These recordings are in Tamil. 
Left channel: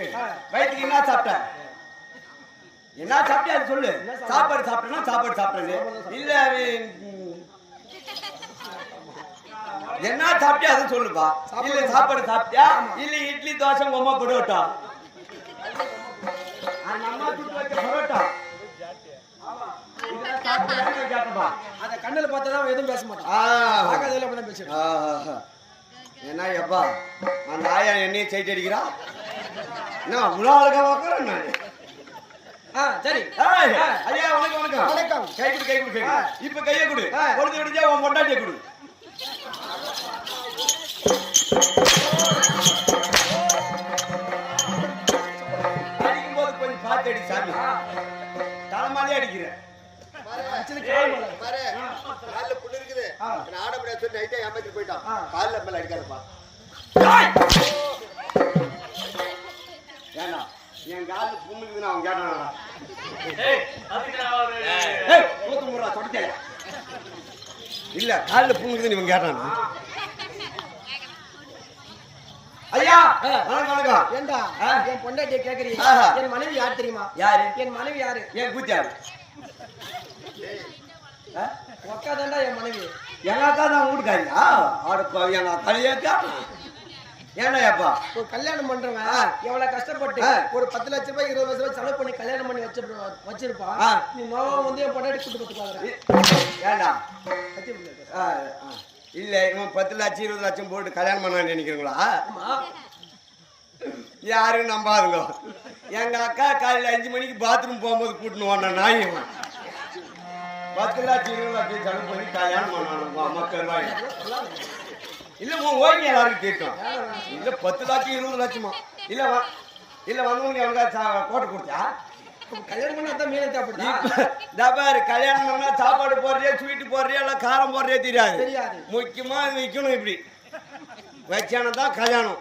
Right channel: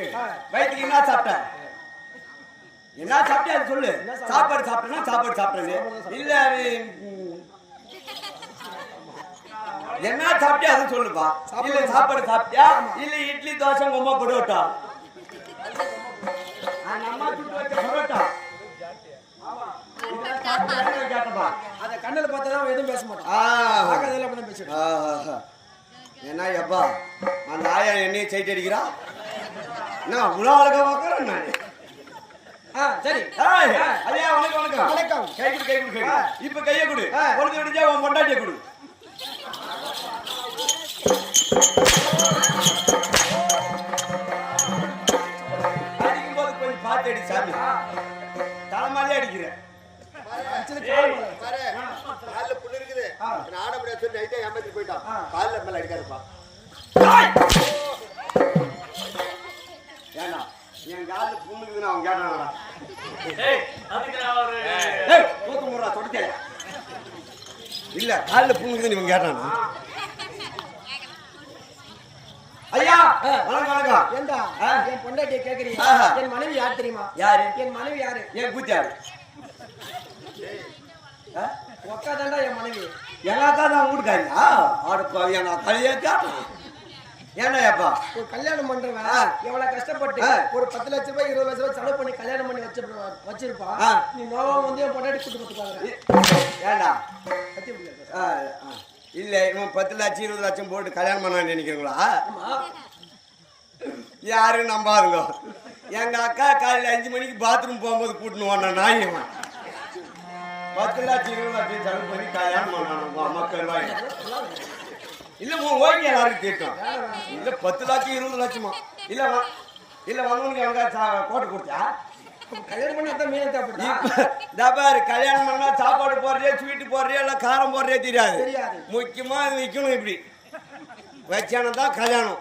வயிற்றுக்கு வயிற்றுக்கு என்ன சாப்பிட்டேன் என்ன சாப்பிட்டே அது சொல்லு சாப்பாடு சாப்பிட்டேன்னா சாப்பாடு சாப்பிட்டேன்னு இல்ல என்ன சாப்பிட்டியா அது சொல்லுப்பா சாப்பாடு சாப்பிட்டியா இல்ல இட்லி தோசை உங்க அம்மா பரோட்டா அந்த அம்மா சுட்டு வச்ச பரோட்டா கேட்டப்பா அத கண்ணுல பார்த்தாதான் எதுவும் பேச மாட்டான். என்ன எப்பா அந்த ஆயா என்னையும் சைட் அடிக்கிறா என்ன உலக அழகா பார்க்கறேன் நான். சரி ஐயா வணக்கம் வணக்கம் வணக்கம். கை கொடு கை கொடு இப்ப கையை கொடு கொடுத்து விடுச்சா உன் பொண்டாட்டியை கொடு. அடிக்கும் போது கொஞ்சம் பார்த்து அடி சாமி தலைமாலே அடிக்கிறேன். ஏன்னா என் கால புண்ணுக்குதுன்னு அவன் கேட்டானடா. இல்ல காலில் புண்ணுக்குதுன்னு இவன் கேட்டானா? ஐயா வணக்கம் வணக்கம். ஏண்டா என் பொண்டாட்டியை கேக்குறீங்க? என் மனைவி யார் தெரியுமா? யாரு? என் மனைவி யாரு? என் கூத்தியாரு அக்கா தாண்டா என் மனைவி. எங்க அக்கா தான் வீட்டுக்காரியா? ஆடுப்பா எங்க அக்காலையே கேட்டான். ஏன்னா ஏப்பா ஒரு கல்யாணம் பண்றவன் எவ்வளவு கஷ்டப்பட்டு ஒரு 10 லட்சம் ரூபாய் 20 லட்சம் ரூபாய் செலவு பண்ணி கல்யாணம் பண்ணி வச்சிருப்பான். நீ நோவம் வந்து என் பொண்டாட்டி கூட்டு போட்டு பாக்குற. ஏண்டா இல்ல இவன் 10 லட்சம் 20 லட்சம் போட்டு கல்யாணம் பண்ணான்னு நினைக்கிறீங்களா? யாரும் நம்பாதுங்க. எங்க அக்கா காலையில் 5 மணிக்கு பாத்ரூம் போகும்போது கூட்டின்னு வந்தான் நாய். இவன் 10 லட்சம் 20 லட்சம் செலவு பண்ணி கல்யாணம் பண்ணான் உங்க அம்மா கருவாய். இல்ல உன் ஓய்வு எல்லாருக்கும் கேட்டோம். இல்ல 10 லட்சம் 20 லட்சமா இல்ல இல்ல வந்தவனுக்கு அவனுக்கா கோட்டை கொடுத்தா கல்யாணம் பண்ணா தான் மீன் சாப்பிடுது. இப்ப கல்யாணம் பண்ணா சாப்பாடு போடுறியா ஸ்வீட்டு போடுறியா இல்ல காரம் போடுறியா தெரியாது. முக்கியமா இது வைக்கணும். இப்படி வச்சானதான் கல்யாணம்.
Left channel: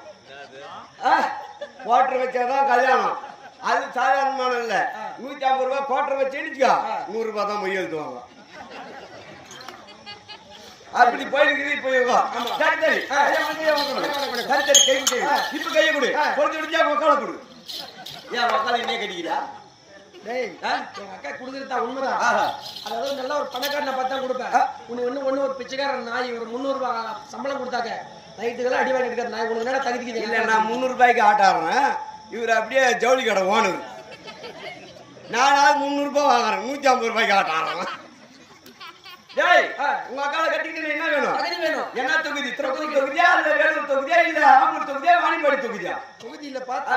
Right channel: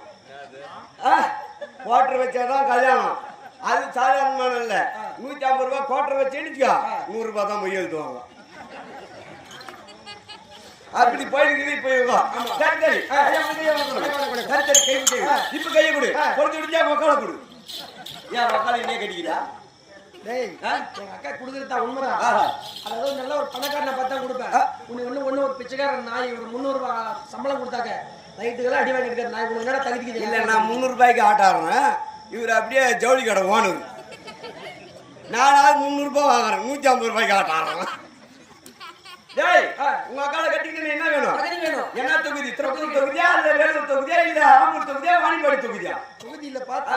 குவாட்டர் வச்சாதான் கல்யாணம். அது சாதாரணமான இல்ல. 150 ரூபாய் குவாட்டர் வச்சு எடுத்துக்கா 100 ரூபாய் தான் மொய் எழுதுவாங்க. அப்படி போயிருக்கு. இப்ப சரி சரி சரி சரி இப்ப கையை கொடு கொஞ்சம் விடிஞ்சா மக்கால கொடு. ஏன் மக்கால என்னைய கட்டிக்கிறா? எங்க அக்கா குடுக்கறதா உண்மைதான். அதாவது நல்ல ஒரு பணக்காரனை பார்த்தா கொடுப்பேன். ஒண்ணு ஒரு பிச்சைக்காரன் நாய் ஒரு 300 ரூபாய் சம்பளம் கொடுத்தாக்க நைட்டுக்கெல்லாம் அடி வாங்கிட்டு இருக்காரு நாய். உனக்கு என்ன தகுதிக்கு? இல்ல நான் 300 ரூபாய்க்கு ஆட்டாடுறேன். இவர் அப்படியே ஜவுளி கடை ஓனர். நான் 300 ரூபாய் வாங்குறேன். 150 ரூபாய்க்கு ஆட்டாடுறேன். டேய் உங்க அக்கால கட்டிக்கிட்டு என்ன வேணும்? என்ன தொகுதி? திருப்பூர் தொகுதியா இல்ல வேலூர் தொகுதியா இல்ல ஆம்பூர் தொகுதியா வாணிப்பாடி தொகுதியா? தொகுதி இல்ல பாத்தா